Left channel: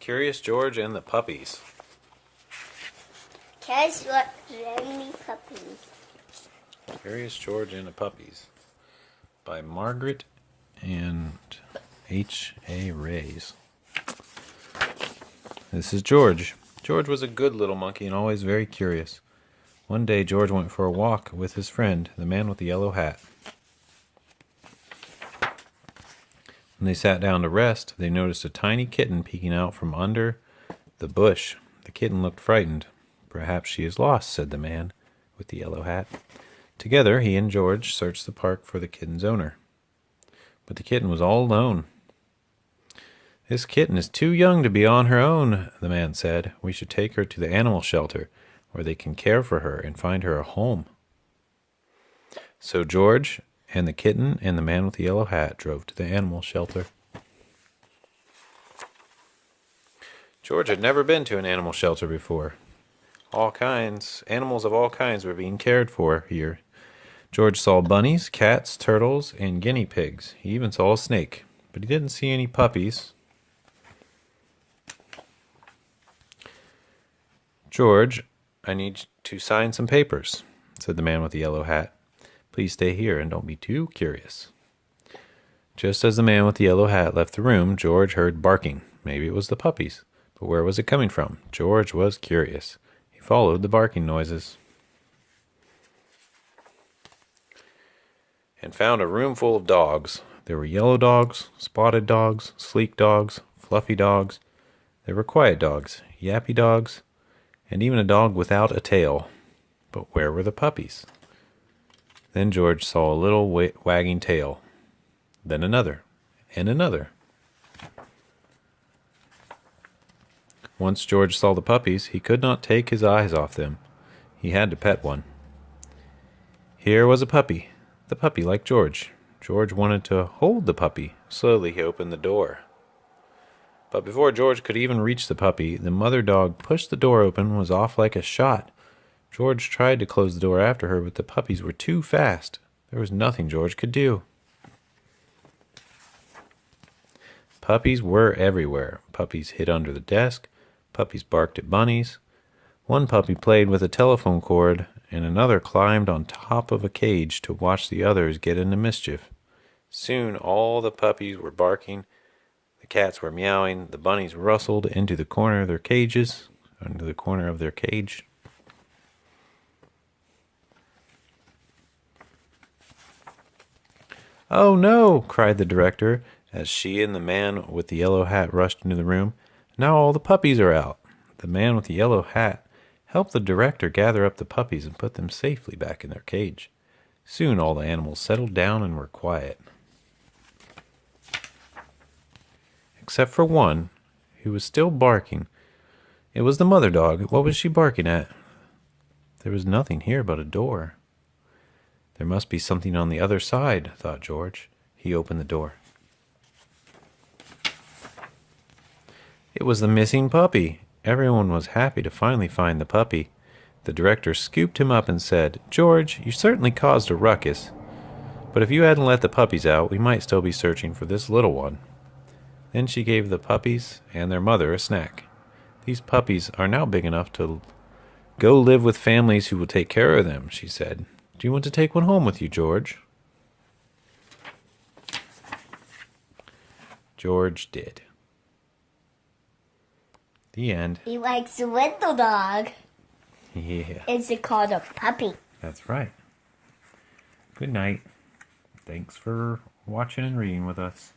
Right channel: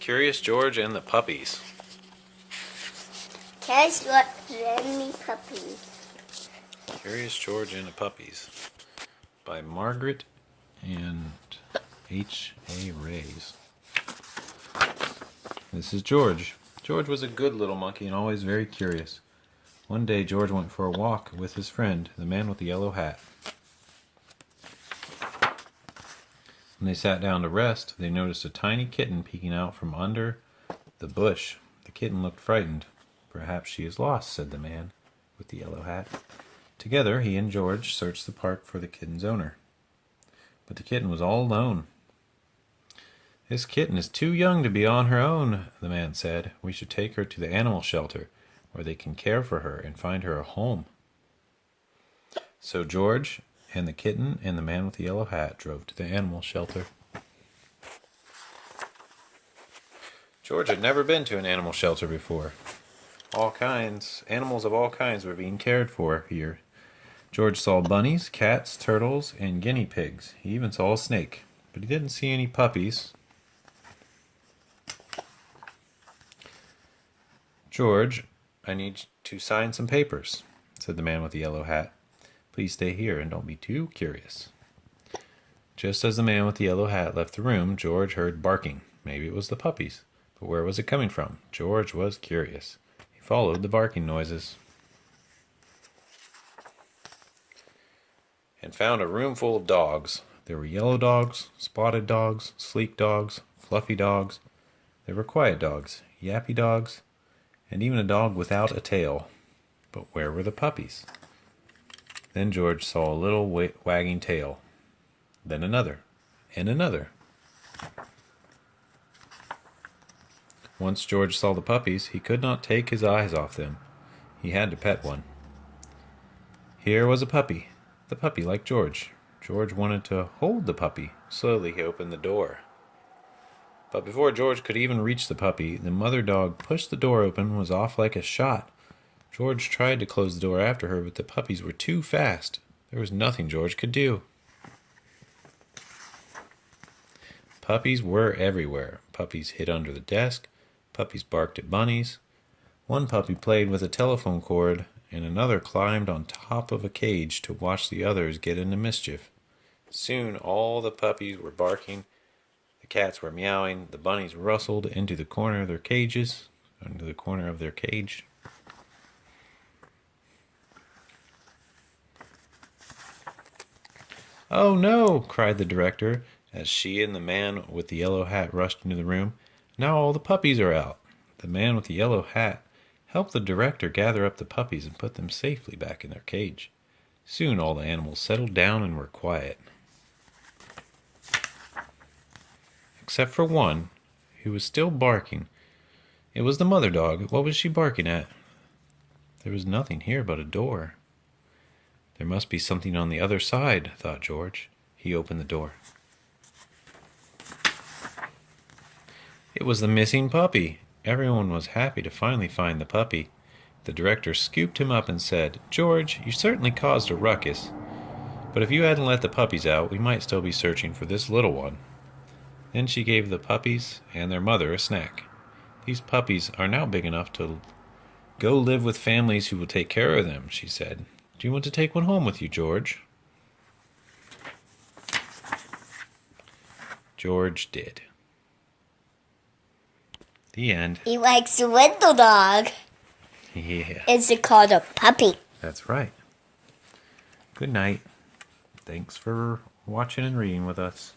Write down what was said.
Curious George and the Puppies. Curious George and the Puppies. Curious George and the Puppies by Margaret and H.A. Rays. This is George. George was a good little monkey and always very curious. One day George went for a walk with his friend, the man with the yellow hat. When they sat down to rest, they noticed a tiny kitten peeking out from under the bush. The kitten looked frightened. "Perhaps she is lost," said the man with the yellow hat. Together, he and George searched the park for the kitten's owner. But the kitten was all alone. "This kitten is too young to be on her own," the man said. "We should take her to the animal shelter, where they can care for her and find her a home." So George and the kitten and the man with the yellow hat drove to the animal shelter. George had never been to an animal shelter before. Animals of all kinds were being cared for here. George saw bunnies, cats, turtles, and guinea pigs. He even saw a snake, but he didn't see any puppies. "George, I need to sign some papers," said the man with the yellow hat. "Please stay here and don't be too curious." Just as the man with the yellow hat left the room, George heard barking. Maybe it was the puppies, but where was it coming from? George was curious. He followed the barking noises and found a room full of dogs. There were yellow dogs, spotted dogs, sleek dogs, fluffy dogs. There were quiet dogs, yappy dogs, and even a dog without a tail. But where were the puppies? Then George saw a little wagging tail, then another, and another. Once George saw the puppies, he could not take his eyes off them. He had to pet one. Here was a puppy. The puppy liked George. George wanted to hold the puppy. Slowly he opened the door. But before George could even reach the puppy, the mother dog pushed the door open and was off like a shot. George tried to close the door after her, but the puppies were too fast. There was nothing George could do. Puppies were everywhere. Puppies hid under the desk. Puppies barked at bunnies. One puppy played with a telephone cord, and another climbed on top of a cage to watch the others get into mischief. Soon all the puppies were barking. The cats were meowing. The bunnies rustled into the corner of their cage. "Oh no!" cried the director, as she and the man with the yellow hat rushed into the room. "Now all the puppies are out." The man with the yellow hat helped the director gather up the puppies and put them safely back in their cage. Soon all the animals settled down and were quiet. Except for one, who was still barking. It was the mother dog. What was she barking at? There was nothing here but a door. There must be something on the other side, thought George. He opened the door. It was the missing puppy. Everyone was happy to finally find the puppy. The director scooped him up and said, "George, you certainly caused a ruckus, but if you hadn't let the puppies out, we might still be searching for this little one." Then she gave the puppies and their mother a snack. "These puppies are now big enough to go live with families who will take care of them," she said. "Do you want to take one home with you, George?" George did. The end. He likes a little dog. Yeah. It's called a puppy. That's right. Good night. Thanks for watching and reading with us.